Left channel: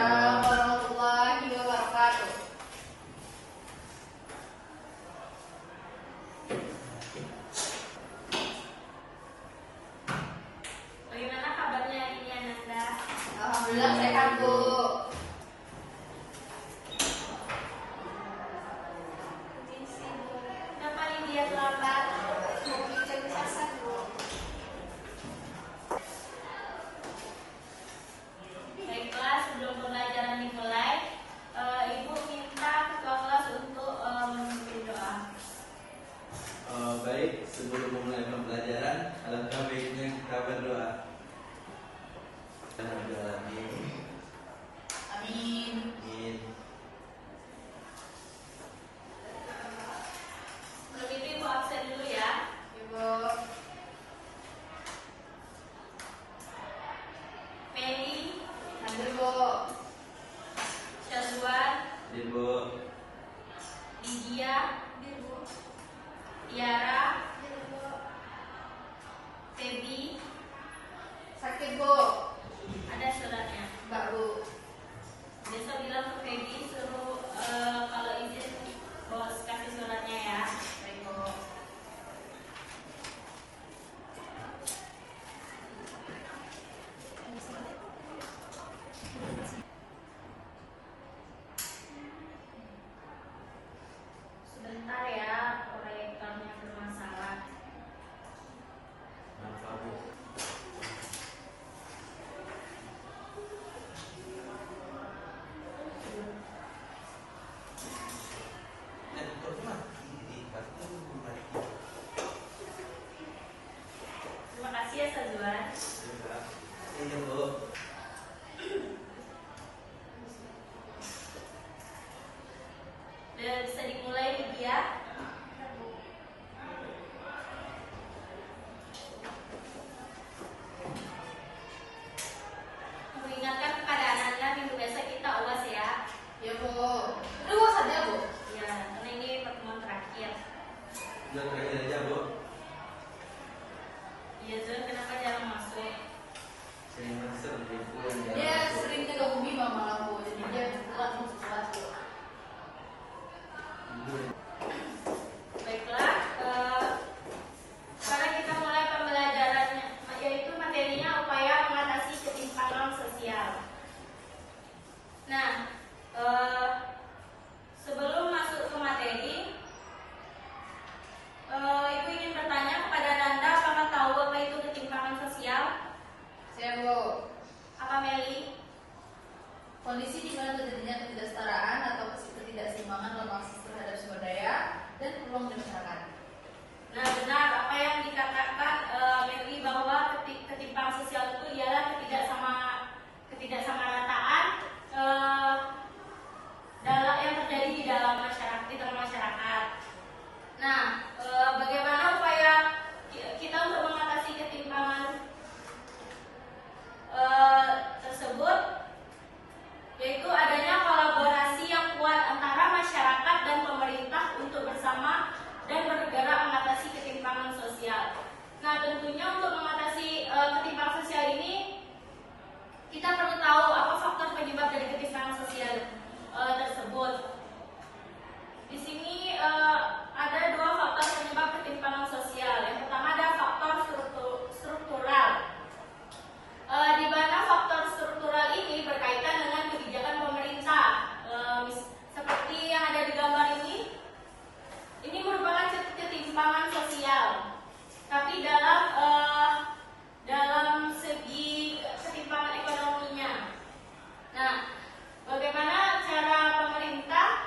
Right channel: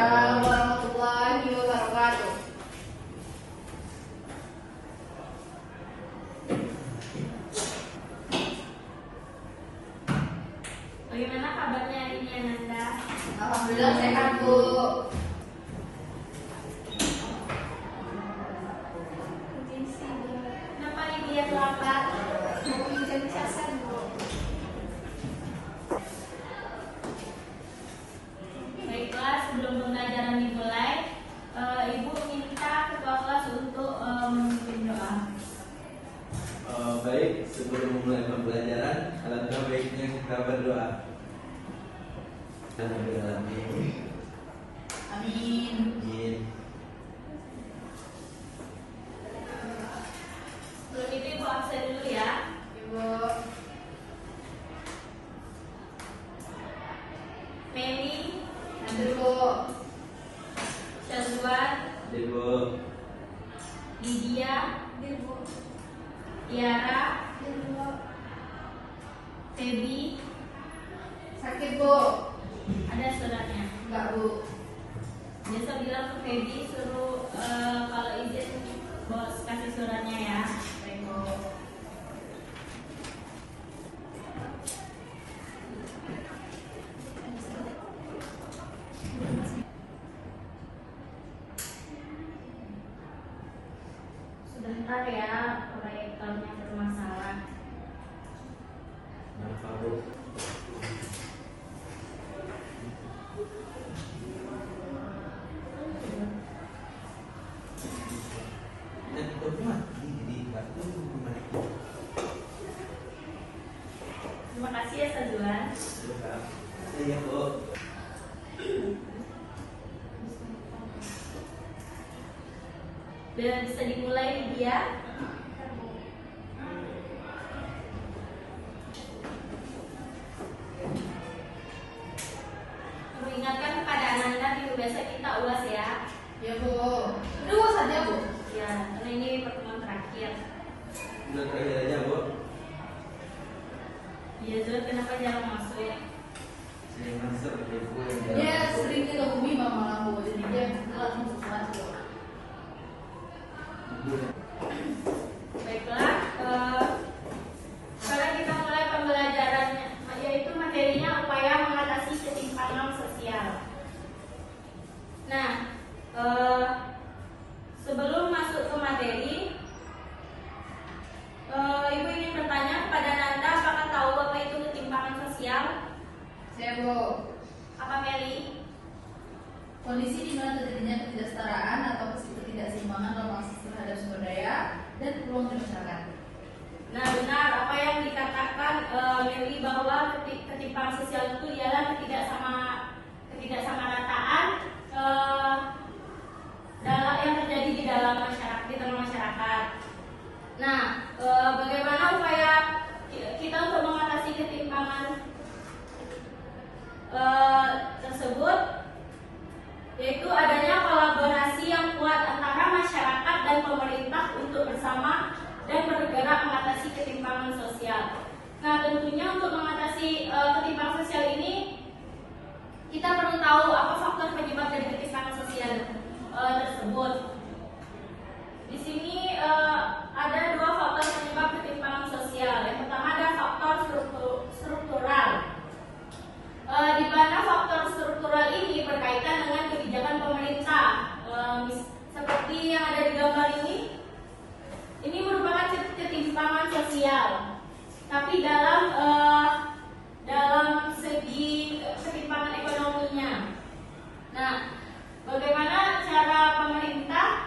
Waalaikumsalam warahmatullahi wabarakatuh. Bagaimana kabarnya hari ini, Ananda? Alhamdulillah sehat, Bu. Kenapa ini dia terlambat? Baiklah, sebelum pembelajaran dimulai, Ibu minta ketua kelas untuk memimpin doa. Baik, sebelum memulai pembelajaran, alangkah baiknya kita berdoa. Amin. Amin. Sebelum itu Ibu absen dulu ya. Ibu. Penny, Ambil, Bu. Syazwan, Ibu, Lydia, Tiara, Feby. Sakit, Bu. Ada suratnya. Enggak, Bu. Besok bilang ke Feby suruh kalau izin bos kasih suratnya ya. Sebentar ya, proyektornya bermasalah. maaf Bu. Terima kasih ya Syazwan. Iya Bu. Dan bisa dimulai Lydia. Perlu ingatkan kepada anak-anak minggu besok kita UAS ya. Ya, Bu. Ini UAS aja, Bu. Ya, karena ini pertemuan terakhir. Udah terakhir aja Bu. Iya, Zul, kenapa jarang masuk? Saya masuk Ibu. Dia sering dilebih mama aku, jadi dia telat masuk kelas, Bu. Ibu. Baiklah, sekarang kita mulai pembelajarannya, yaitu materinya upaya mengatasi ketimpangan sosial. Nah, sebelum masuk ke materi, Ibu ingin bertanya kepada Nanda, apakah tahu apa itu ketimpangan sosial? Saya, Bu. Apa Meli? Kondisi di mana terjadinya ketidaksetaraan atau ketidakseimbangan dalam akses terhadap sumber daya dan peluang masyarakat. Nah, benar apa yang dikatakan Meli bahwa ketimpangan sosial itu ialah ketidaksamarataan dalam yang terjadi di dalam masyarakat, di tengah masyarakat. Nah, bagaimana upaya kita untuk mengatasi ketimpangan tersebut? Yaitu adanya kolaborasi yang kuat antara masyarakat dan pemerintah untuk bersama dan bergerak mengatasi ketimpangan sosial. Nah, tentunya untuk mengatasi ketimpangan sosial ini kita perlu tahu apa faktor penyebab dari ketimpangan sosial tersebut. Di sini ada dua faktor penyebab ketimpangan sosial. Yang pertama ada faktor struktural. Di mana faktor struktural ini berkaitan dengan kebijakan pemerintah. Seperti yang ada di gambar ini merupakan ketimpangan sosial. Tapi dalam segi ketimpangan ekonominya. Nah, bagaimana cara pemerintah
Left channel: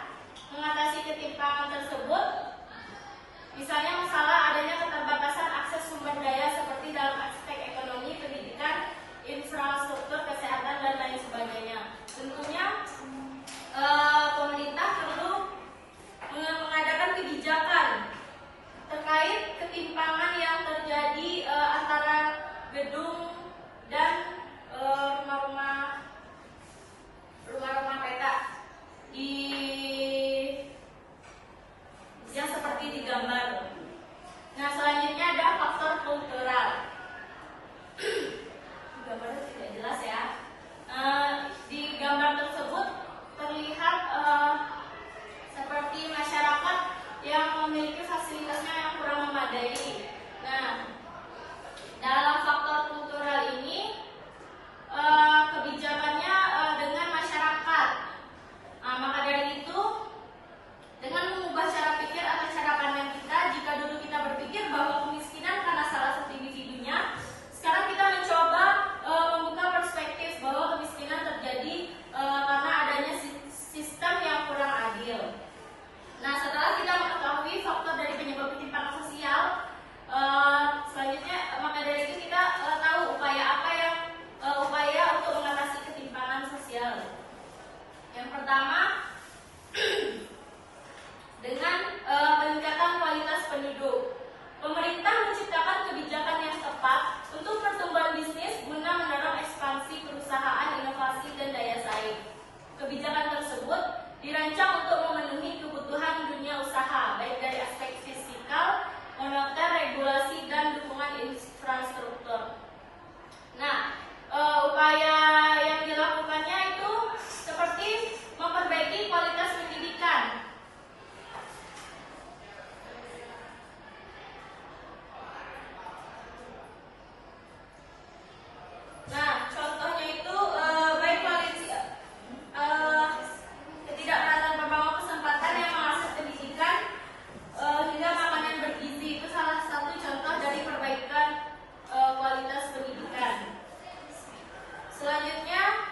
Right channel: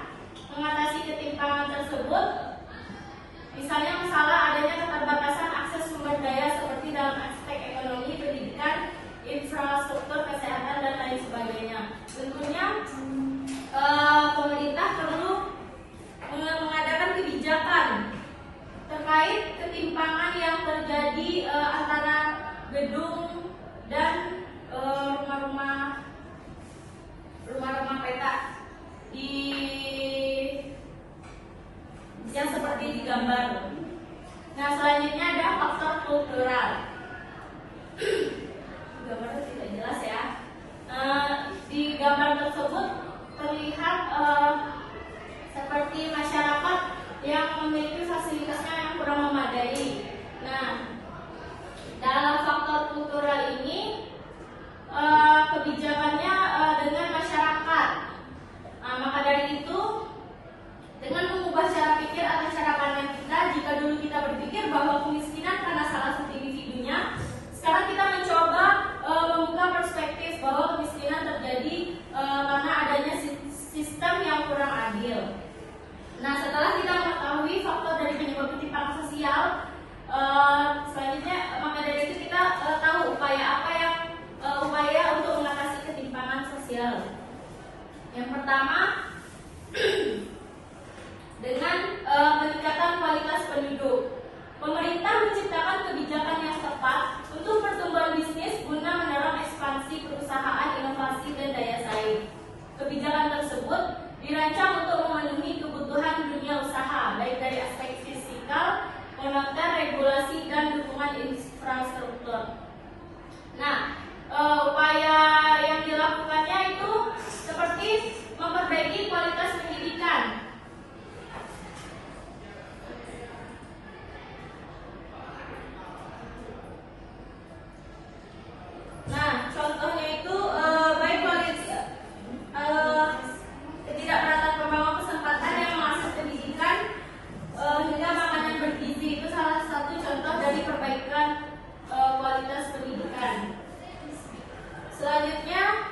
Selanjutnya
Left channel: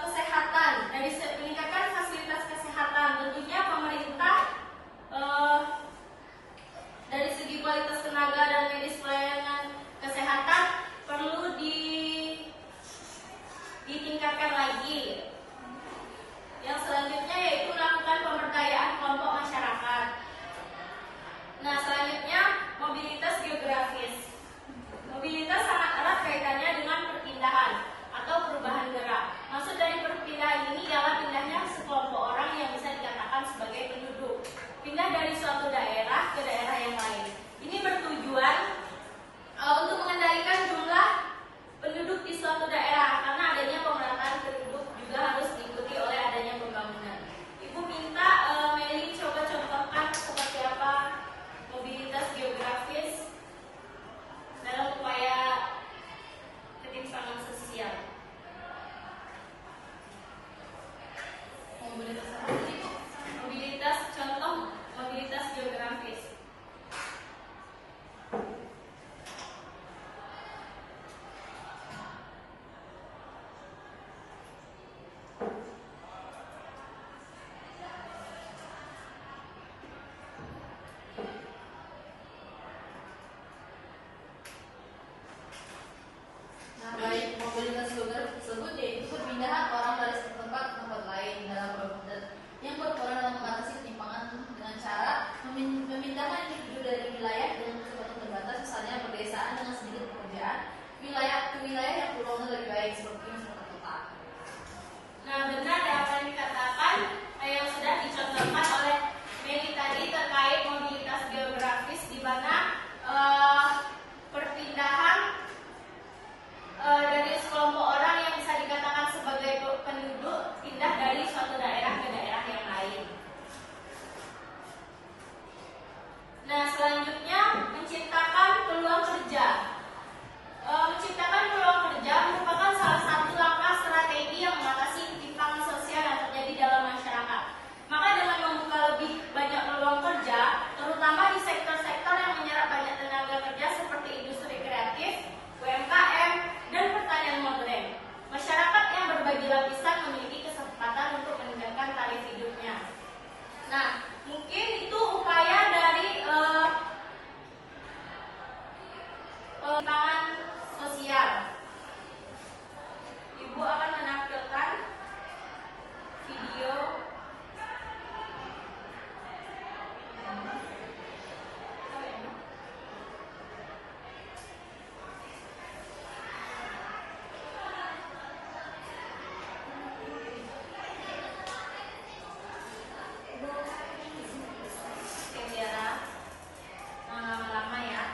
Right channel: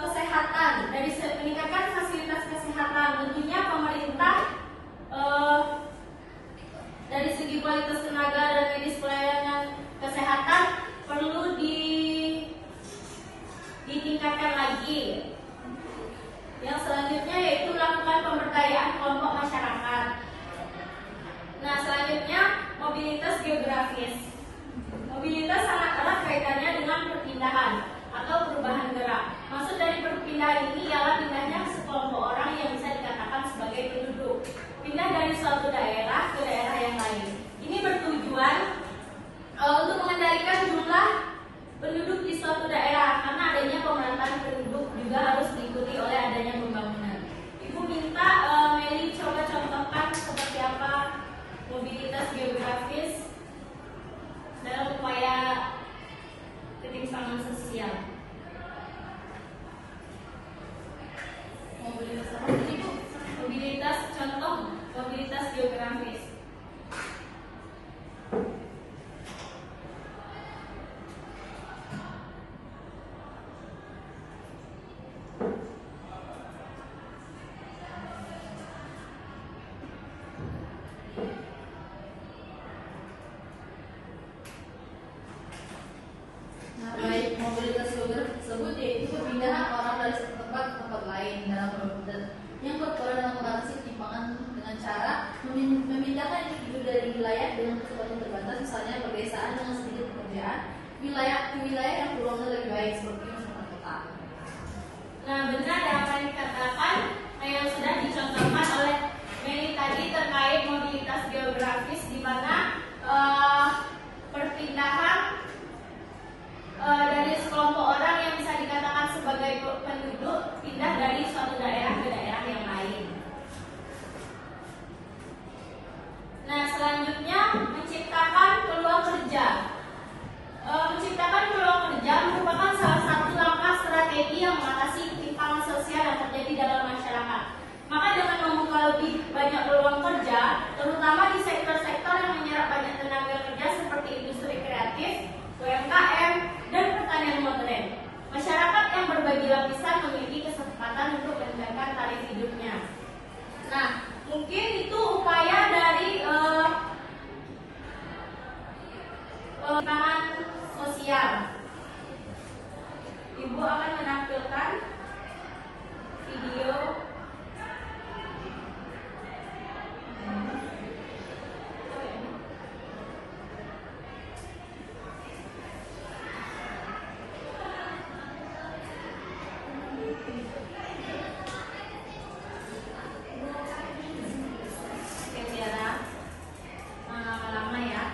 kesehatan, dari meningkatkan fasilitas kesehatan. Tentunya pemerintah dari segi kualitas tenaga dan medis pelayanan kesehatan perlu ditingkatkan lagi. Yang selanjutnya yaitu melakukan pemberdayaan kelompok masyarakat. Nah, selanjutnya mobilitas geografis. Mobilitas sangat erat kaitannya dengan perpindahan atau perubahan gerak. Maksud dari perpindahan ini ialah pindahnya sekelompok orang yang bisa dikatakan sebagai penduduk. Pindah dari suatu daerah ke daerah yang lain. Ini bertujuan untuk mengendalikan jumlah penduduk di suatu daerah, karena adanya pemerataan penduduk juga harus diikuti oleh adanya pembangunan. Ibu minta Meli coba contohkan seperti apa mobilitas geografis dalam upaya ketimpangan sosial. Mobilitas, contoh mobilitas geografis. Mobilitas geografis tersebut yaitu pemindahan orang dari satu tempat ke tempat lain dalam berputar yang berperan mengatasi ketimpangan dengan cara memindahkan individu dari wilayah dengan keseluruhan terbatas, misalnya pergeseran dengan sedikit pekerjaan wilayah ke wilayah yang peluangnya lebih baik seperti misalnya kota. Nah, benar apa yang dikatakan yang sudah dicontohkan oleh Meli tadi terkait mobilitas geografis, di mana perpindahan dari sekelompok orang yang bisa dikatakan sebagai penduduk pindah dari suatu daerah ke daerah yang lain. Nah, selanjutnya menciptakan peluang kerja. Menciptakan peluang kerja merupakan salah satu langkah strategi yang mengatasi ketimpangan sosial yang terjadi dalam masyarakat. Maka dengan membuka lebih banyak peluang kerja, terutama di sektor-sektor yang menyerap banyak tenaga kerja seperti industri kreatif, UMKM, dan pertanian modern, masyarakat yang berbagi lapisan memiliki kesempatan untuk meningkatkan taraf hidupnya. Nah, mungkin itu upaya dari ketimpangan sosial. Ibu akan menampilkan video. Lama-lama ya.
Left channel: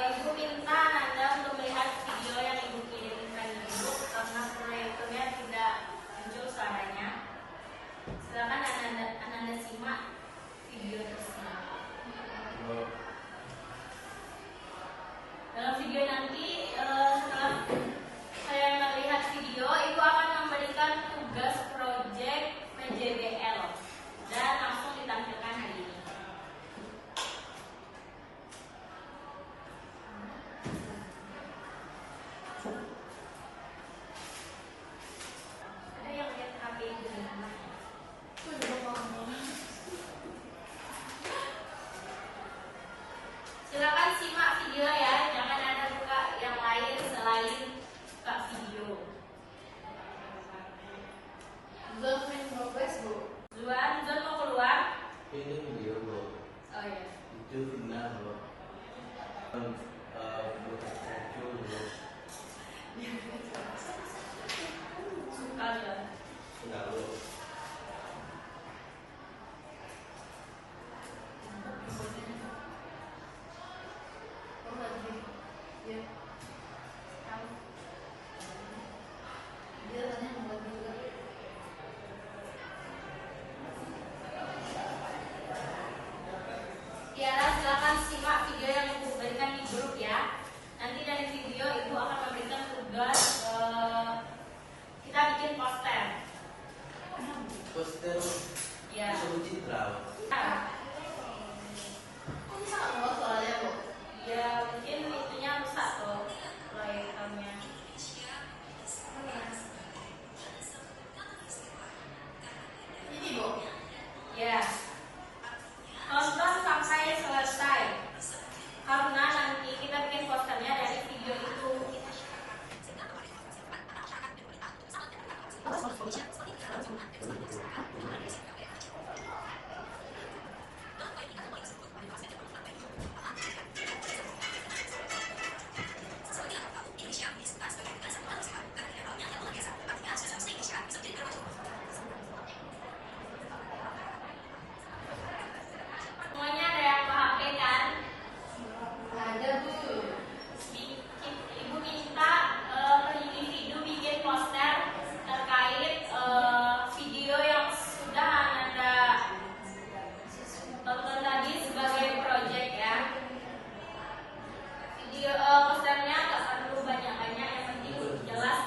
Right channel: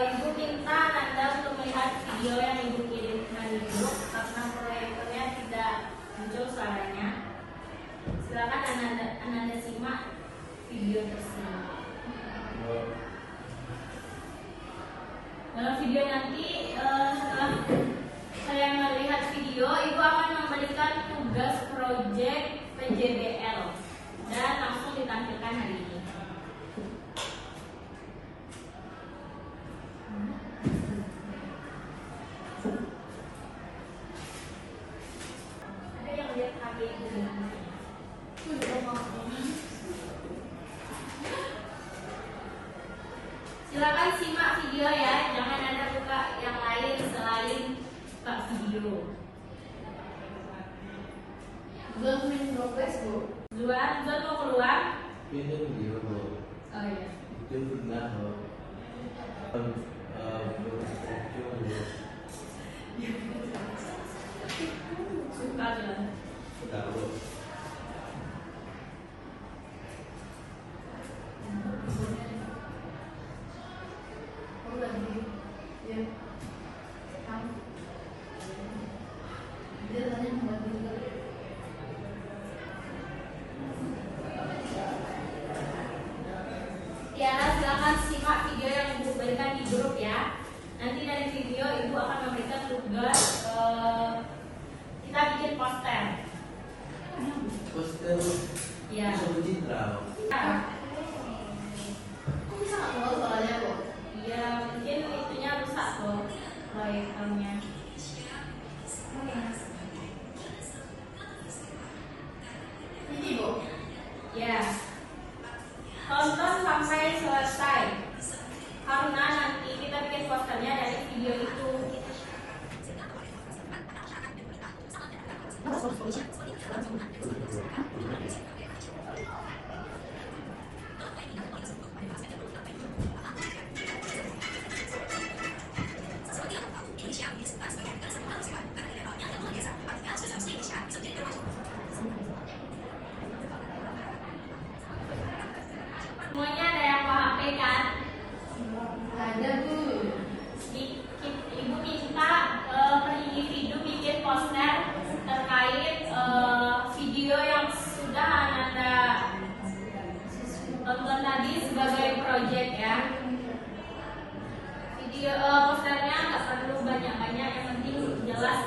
Ibu minta Anda untuk melihat video yang Ibu kirimkan dulu, karena proyektornya tidak muncul suaranya. Silakan Anda simak video tersebut. Dalam video nanti, setelah saya melihat video, Ibu akan memberikan tugas proyek PJBL dan langsung ditampilkan hari ini. Ada yang lihat HP Ibu dengan baik? Silakan simak video ya, jangan ada buka yang lain selain buka video. Zon progress bu. Zon mau keluar? Itu video dong. Oh iya. Itu pernah loh. Suka Zon. Sudah loh. Oh lagi. Ya. Terus kita bikin poster. Poster Ya. suruh citra. Kok bisa nggak mau soalnya kok? Ya, mungkin itunya rusak tuh proyektornya. Ini bu. Ya. Tonton sampai selesai. Karena nanti kita bikin posternya dari video itu. Semuanya ada yang paham kan? Ada bu. Ibu minta per individu bikin poster terkait video yang sudah Anda tonton tadi sebagai project ya. Video posternya nggak perlu banyak-banyak, yang penting jelas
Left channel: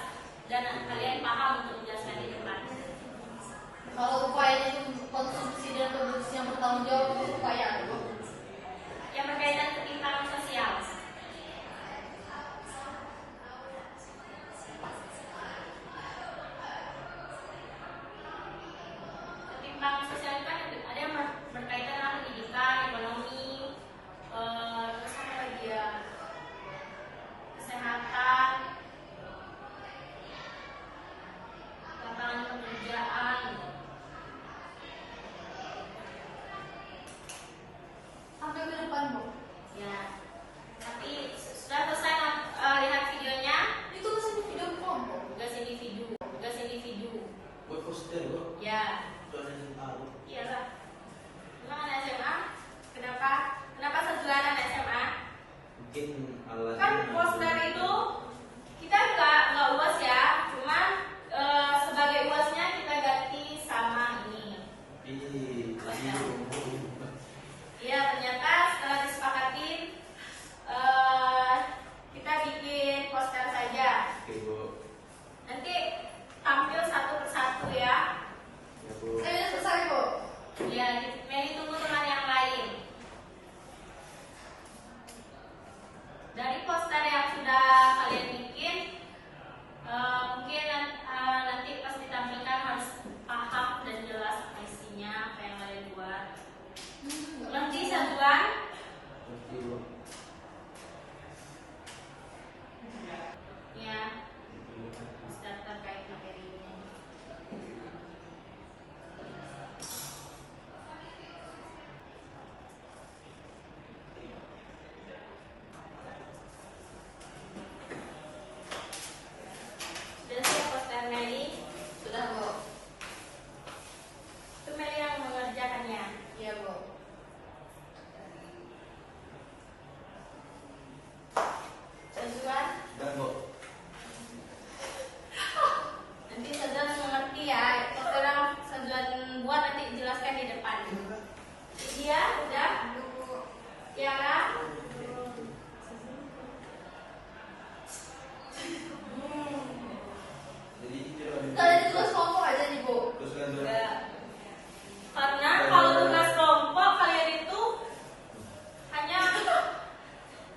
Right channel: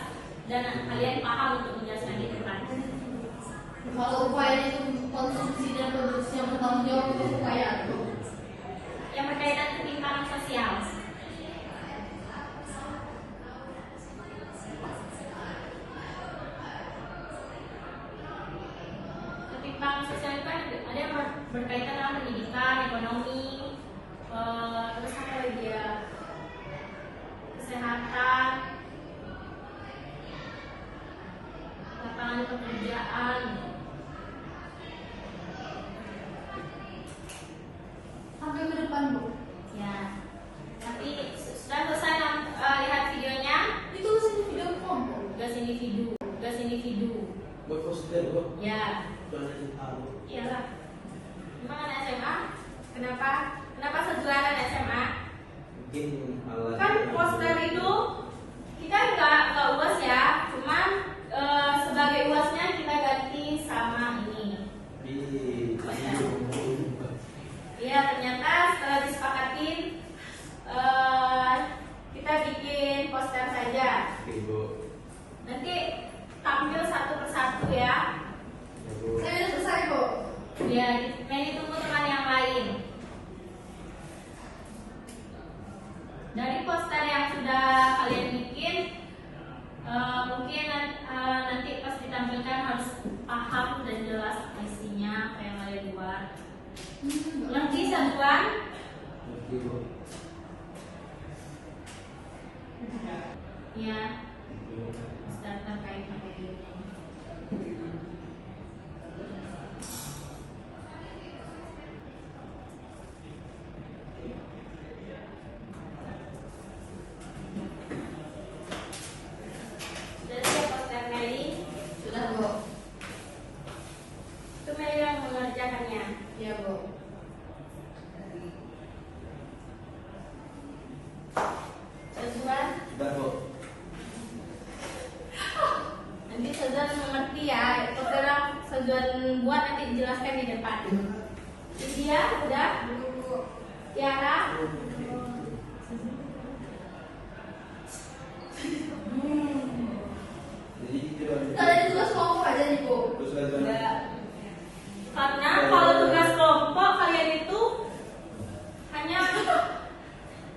dan kalian paham untuk menjelaskan di depan. Kalau upaya itu konsumsi dan produksi yang bertanggung jawab itu upaya apa? Yang berkaitan ketimpangan sosial. Ketimpangan sosial itu kan ada yang berkaitan dengan pendidikan, ekonomi, terus apa lagi ya, kesehatan, lapangan pekerjaan. Sampai ke depan bu. Ya, nanti sudah selesai lihat videonya. Itu sini video kelompok. Gas individu. Buat poster kok. Ya, Soalnya tahu. iyalah. Emang anak SMA? Kenapa sejuan anak SMA? Mungkin malah. Kan poster itu kita nggak uas ya, cuman sebagai uasnya kita ganti sama ini. Di Ya, ternyata setelah disepakatin kita bikin poster saja. Ibu. Nanti tampil satu persatu ya. Ibu. Saya selesai bu. Ya, Mei tunggu teman yang lain. Dari poster yang sudah kalian bikin, mungkin nanti pas ditampilkan harus paham dan jelas isinya apa yang kalian buat. Nanti Sangguan, Ibu. ya, start terkait materi ini. Sudah siap poster Meli? Sudah bu. Itu Meli yang mengerjakannya. Iya bu. Sangguan. Sudah kok. Nanti Sezon mengerti ya, sekarang Sezon buat nanti dijelaskan di depan. Dia udah, Tiara, Jadi coba. Kalau ada tugas kelompok ada nih bu. Terus kan. enggak. Karena kalau tugas kelompok kalian itu hanya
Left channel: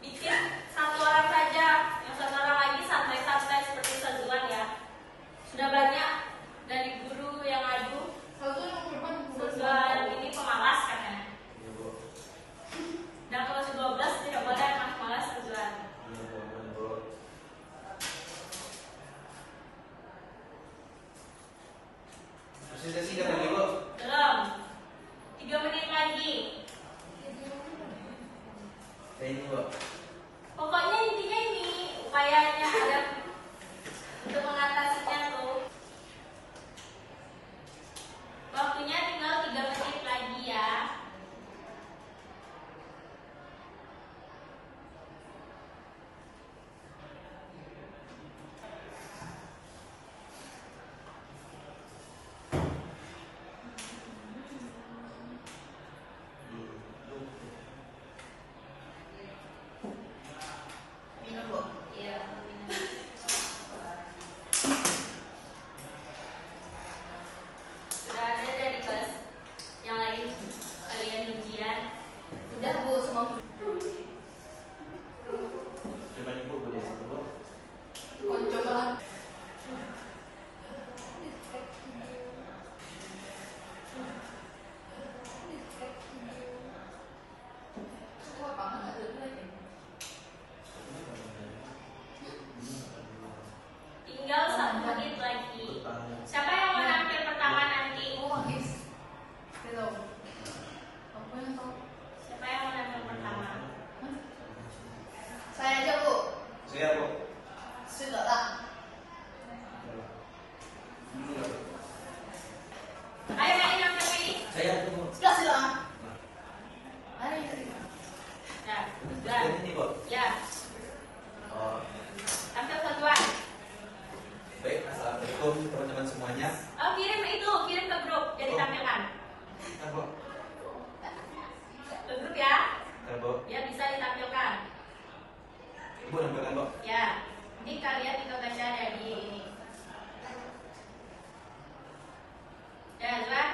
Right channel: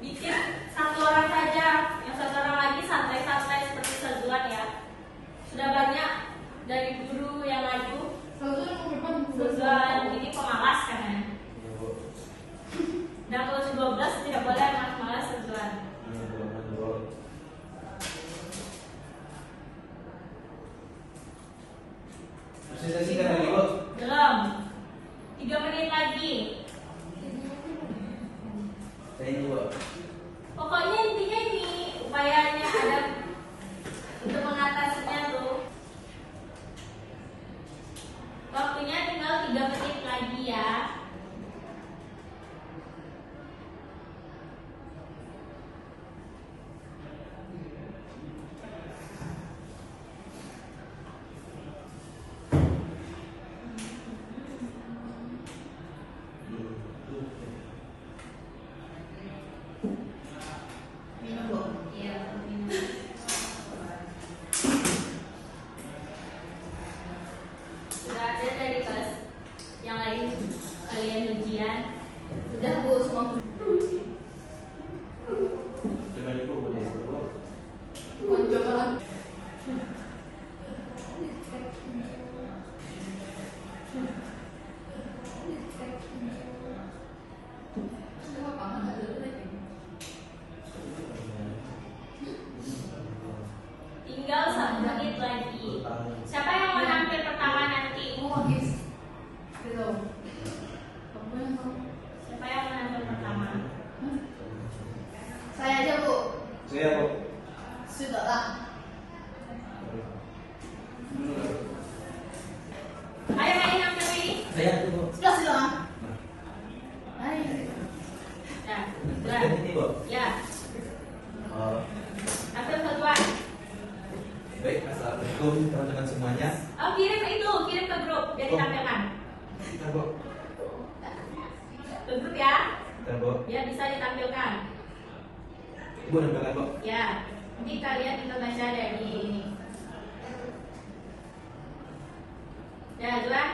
bikin satu orang saja, yang satu orang lagi santai-santai seperti Sezon ya. Sudah banyak dari guru yang maju, Satu yang beban. Sezon ini pemalas kan ya. Dan kalau 12 Coba. Tinggal 1 menit lagi. Siapa yang mau nampil pertama nanti? Siapa yang mau nampil pertama? Saya aja, Bu. Saya kok. Sudah lah. Ayo Meli nampil Meli. Saya itu. Sudah. Ayo. Nah, sudah. Saya itu. Ya, Oh, nampil duluan. baik, assalamualaikum teman-teman semuanya. Oh, kirim ke grup, jadi Oh. tampilkan. Nah, Bu. Ke grup ya, Nah, Bu. biar bisa ditampilkan. Ibu nampilkan, Bu. Ya, nanti kalian itu baca dari ini. Ya, duluan.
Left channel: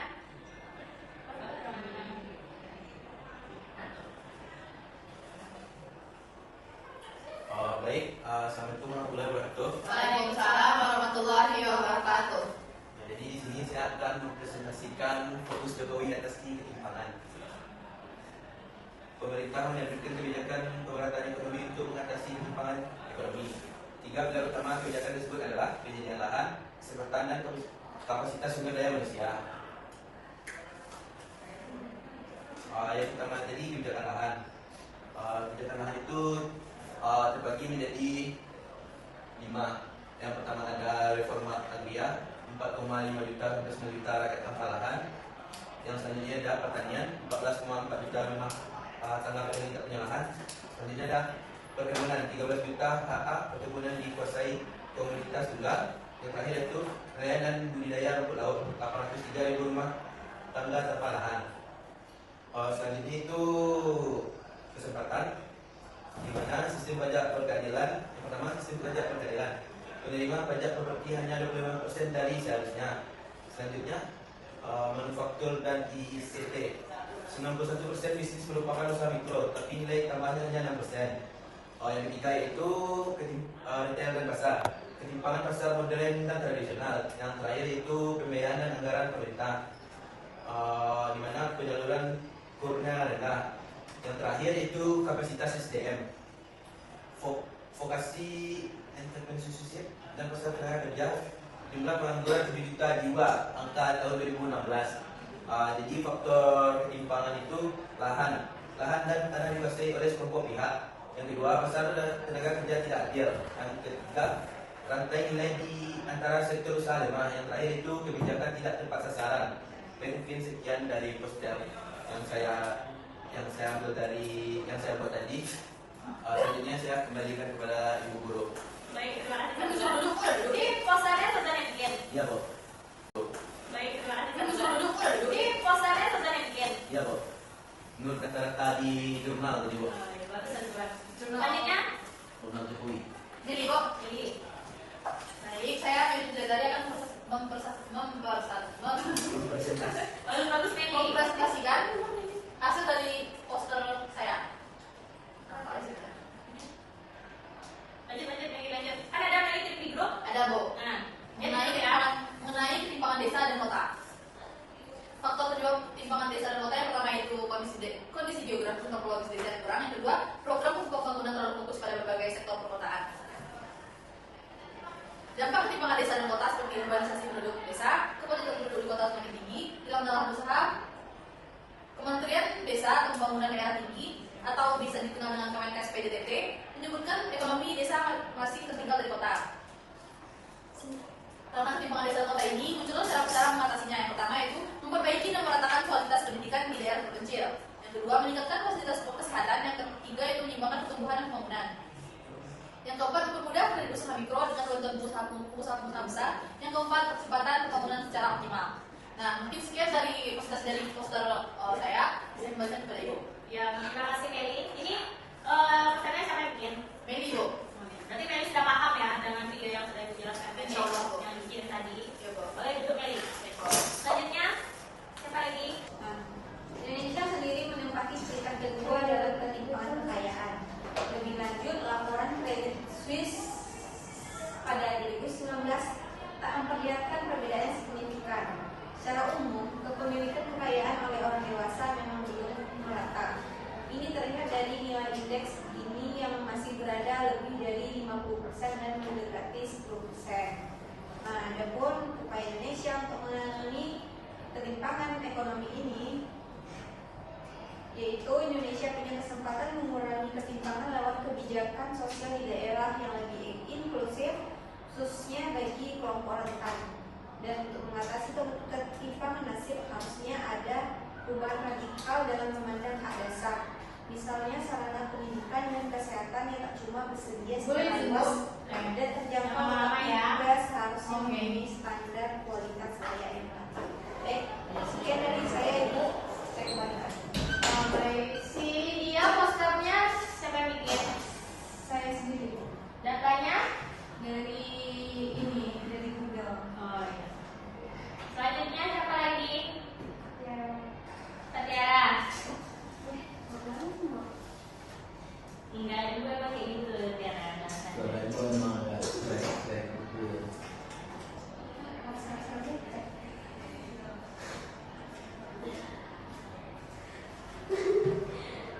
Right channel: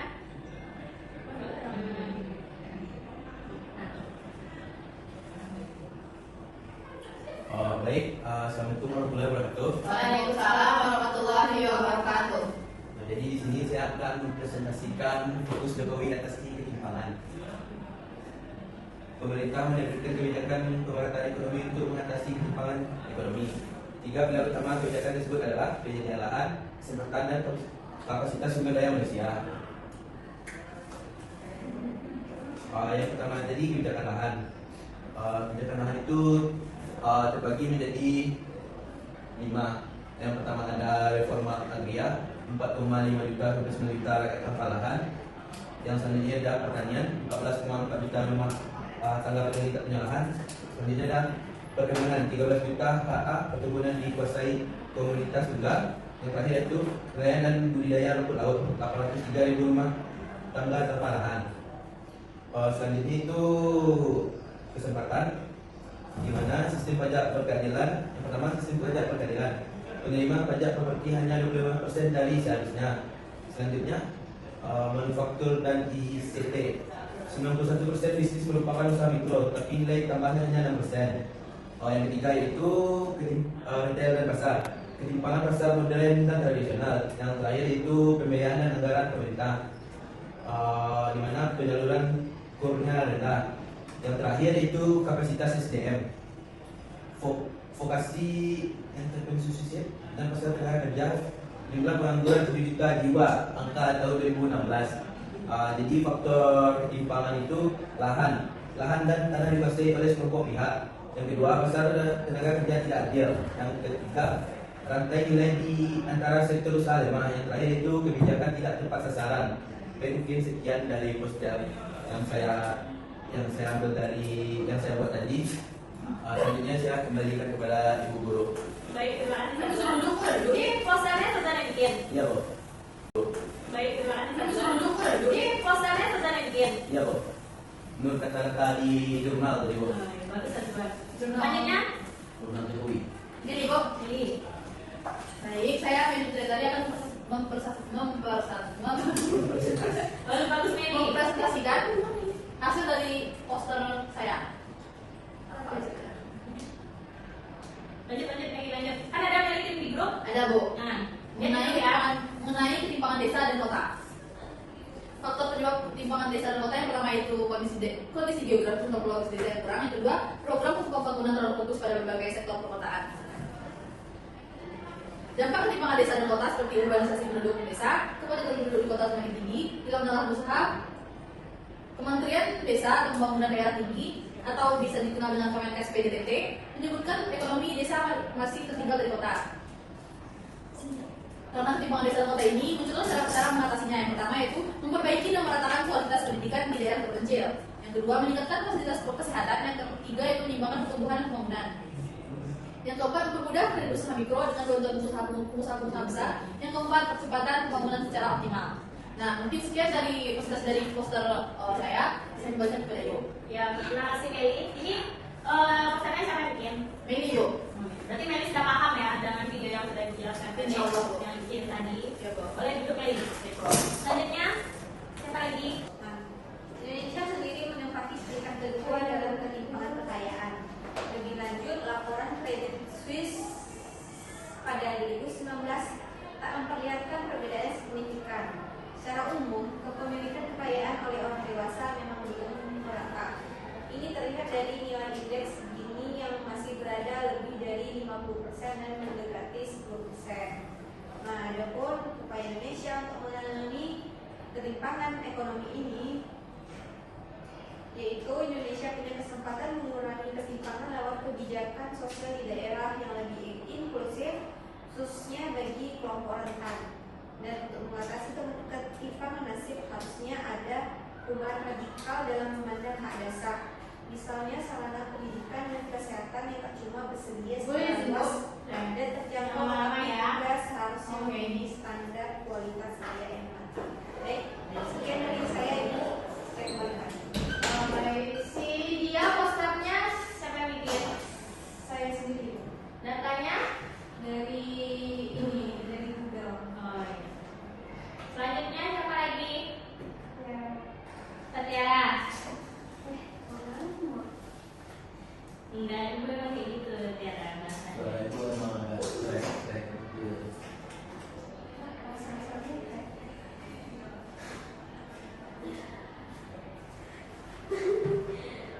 Baik, assalamualaikum warahmatullahi wabarakatuh. Waalaikumsalam warahmatullahi wabarakatuh. Jadi di sini saya akan mempresentasikan fokus Jokowi atasi ketimpangan. Pemerintah menerbitkan kebijakan pemerataan ekonomi untuk mengatasi ketimpangan ekonomi. 3 pilar utama kebijakan tersebut adalah penyediaan lahan, kesemprotan dan kapasitas sumber daya manusia. Yang pertama tadi kebijakan lahan. Kebijakan lahan itu terbagi menjadi 5. Yang pertama ada reforma agraria 4,5 juta ke 9 juta rakyat tanpa lahan. Yang selanjutnya ada pertanian 14,4 juta rumah tangga petani tak punya lahan. Selanjutnya ada perkebunan 13 juta HA perkebunan dikuasai komunitas tunggal. Yang terakhir itu nelayan dan budidaya rumput laut 803.000 rumah tangga tanpa lahan. Selanjutnya itu kesempatan, di mana sistem pajak berkeadilan. Yang pertama, sistem pajak berkeadilan. Penerima pajak properti hanya 25% dari seharusnya. Selanjutnya, manufaktur dan ICT. 91% bisnis merupakan usaha mikro, tapi nilai tambahnya hanya 6%. Yang ketiga yaitu retail dan pasar. Ketimpangan pasar modern dan tradisional. Yang terakhir itu pembiayaan dan anggaran pemerintah, di mana penyaluran kurnya rendah. Yang terakhir itu kapasitas SDM, vokasi entrepreneurship dan pasar tenaga kerja. Jumlah pengangguran 7 juta jiwa, angka tahun 2016. Jadi faktor ketimpangan itu lahan dan tanah dikuasai oleh sekelompok pihak. Yang kedua, pasar tenaga kerja tidak adil. Yang ketiga, rantai nilai di antara sektor usaha lemah. Yang terakhir itu kebijakan tidak tepat sasaran. Baik, mungkin sekian dari poster yang saya ambil dari yang saya buat tadi. Selanjutnya saya kembalikan kepada Ibu Guru. Baik, terima kasih. Ini posternya Sultan yang bikin. Iya, Bu. Baik, terima kasih. Ini posternya Sultan yang bikin. Iya, Bu. Menurut kata-kata di jurnal tadi, Bu. Bagus, selanjutnya, Jurnal Jokowi. Gini, Bu. ini. Baik, saya tadi akan Bagus Meli. mempresentasikan hasil dari poster saya. Lanjut Meli, lanjut. Kan ada yang kirim di grup. Ada, Bu. Nah, mengenai ketimpangan desa dan kota. Faktor penyebab ketimpangan desa dan kota yang pertama itu kondisi geografis dan topologis desa yang kurang. Yang kedua, program pembangunan terlalu fokus pada berbagai sektor perkotaan. Dampak ketimpangan desa dan kota seperti urbanisasi penduduk desa, kepadatan penduduk di kota semakin tinggi, dalam tanah berusaha, Kementerian Desa dan Pembangunan Daerah Tinggi atau bisa dikenal dengan Kemenkes PDTP menyebutkan ekonomi desa masih tertinggal dari kota. Karena ketimpangan desa dan kota ini muncul cara mengatasinya. Yang pertama yaitu memperbaiki dan meratakan kualitas pendidikan di daerah terpencil. Yang kedua, meningkatkan fasilitas kesehatan. Yang ketiga itu menyeimbangkan pertumbuhan dan pembangunan. Yang keempat, mempermudah kredit usaha mikro dengan bantuan pengusaha besar. Yang keempat, percepatan pembangunan secara optimal. Nah, mungkin sekian dari presentasi dari poster saya kembalikan kepada Ibu. ya terima kasih Meli. Ini posternya siapa yang bikin? Ini Ibu. Berarti Meli sudah paham ya dengan video yang sudah dijelaskan tadi, Insya Allah. yang bikin tadi. Boleh duduk lagi. Selanjutnya, siapa lagi? Indonesia sendiri menempati peringkat kedua dalam ketimpangan kekayaan. Lebih lanjut, laporan Credit Suisse pada 2019 tak memperlihatkan perbedaan signifikan. Secara umum, kepemilikan kekayaan oleh orang dewasa memang belum merata. Ini terlihat dari nilai indeks Gini yang masih berada lebih dari 50% dan mendekati 10%. Nah, adapun upaya Indonesia untuk menangani ketimpangan ekonomi ini, yaitu Indonesia punya kesempatan mengurangi ketimpangan lewat kebijakan sosial di daerah yang lebih inklusif, khususnya bagi kelompok rentan. Dan untuk mengatasi ketimpangan nasib harusnya ada perubahan radikal dalam memandang hak dasar. Misalnya sarana pendidikan dan kesehatan yang tak cuma bersedia secara luas dan terjangkau, juga seharusnya memenuhi standar kualitas layak yang patut. Baik, sekian dari saya, Ibu. Saya kembalikan. Baik, si dia posternya siapa yang bikin? Saya sendiri Datanya? dari ini, dari Google. Oh iya. Selanjutnya siapa lagi? Ya. Tatiara. Enggak, itu memang kayak gitu Tatiara. Suara itu memang agak strek gitu ya.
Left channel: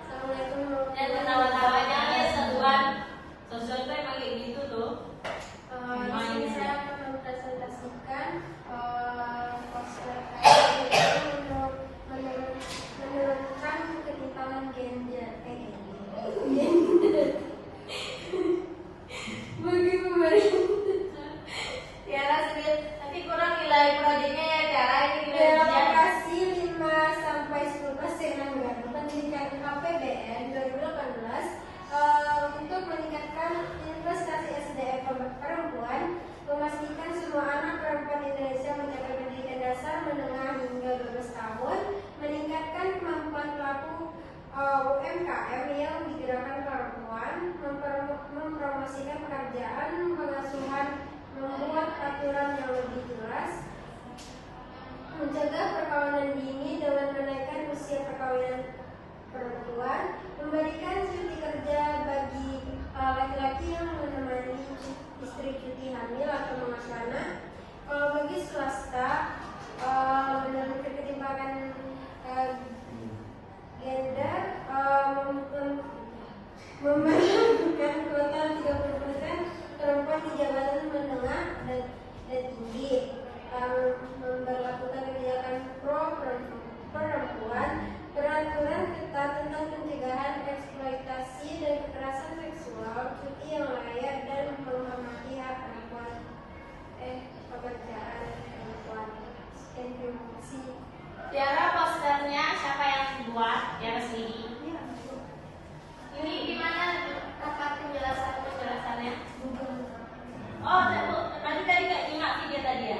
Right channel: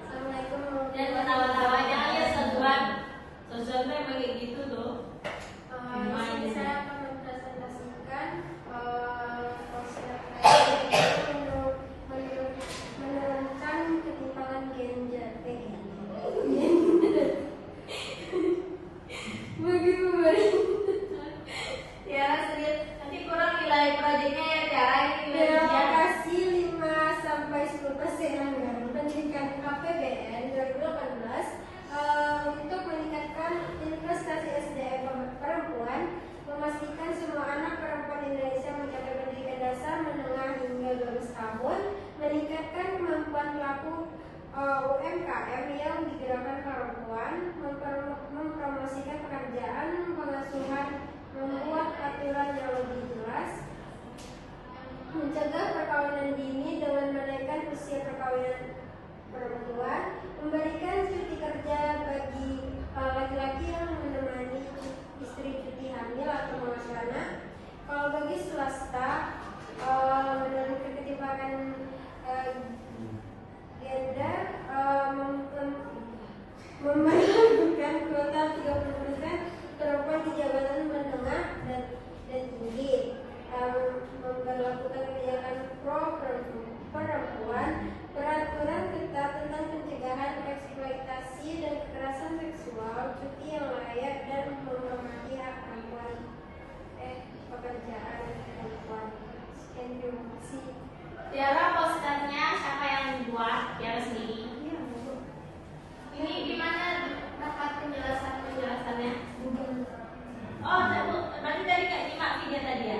Assalamualaikum Dan pertama-tamanya ya seruan. Sosial itu emang kayak gitu tuh. Di sini saya akan mempresentasikan menurunkan ketimpangan gender. Tiara sedih. Nanti kurang nilai proyeknya ya Tiara. Alokasi 5-10% anggaran pendidikan KPBN 2018 untuk meningkatkan investasi SDM perempuan, memastikan semua anak perempuan Indonesia mencapai pendidikan dasar menengah hingga 12 tahun, meningkatkan kemampuan pelaku UMKM yang digerakkan perempuan, mempromosikan pekerjaan, pengasuhan, membuat aturan yang lebih jelas, mencegah perkawinan dini dengan menaikkan usia perkawinan perempuan, memberikan cuti kerja bagi laki-laki yang menemani istri cuti hamil atau mengasuh anak. Kalau bagi swasta, menurunkan ketimpangan gender, memperlakukan kuota 30% perempuan di jabatan menengah dan tinggi, memperlakukan kebijakan pro perempuan, peraturan ketat tentang pencegahan eksploitasi dan kekerasan seksual, cuti yang layak, dan menghormati hak perempuan, pekerjaan perempuan. Terima kasih. Tiara posternya siapa yang buat? Tiara sendiri. Ini gimana dapat penjelasannya? Oh, berarti tadi Kak nyimak video tadi ya?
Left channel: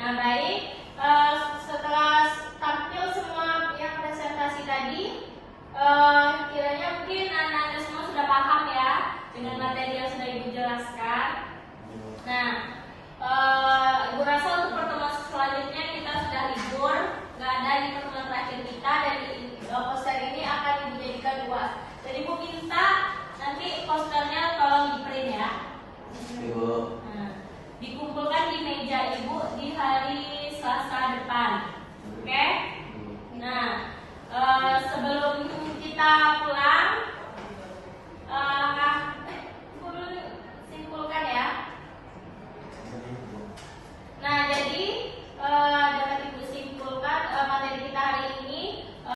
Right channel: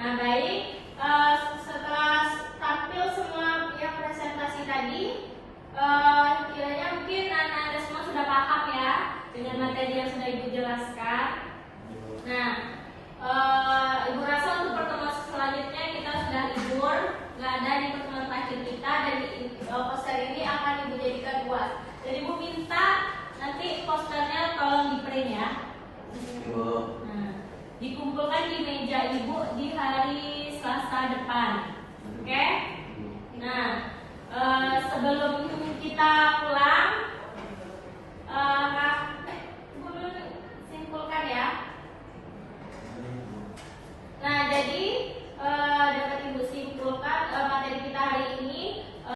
Nah baik, setelah tampil semua yang presentasi tadi, kiranya mungkin anak-anak semua sudah paham ya dengan materi yang sudah Ibu jelaskan. Nah, Ibu rasa untuk pertemuan selanjutnya kita sudah libur, nggak ada di pertemuan terakhir kita, dan poster ini akan Ibu jadikan buat. Jadi Ibu minta nanti posternya tolong di print ya. Nah, dikumpulkan di meja Ibu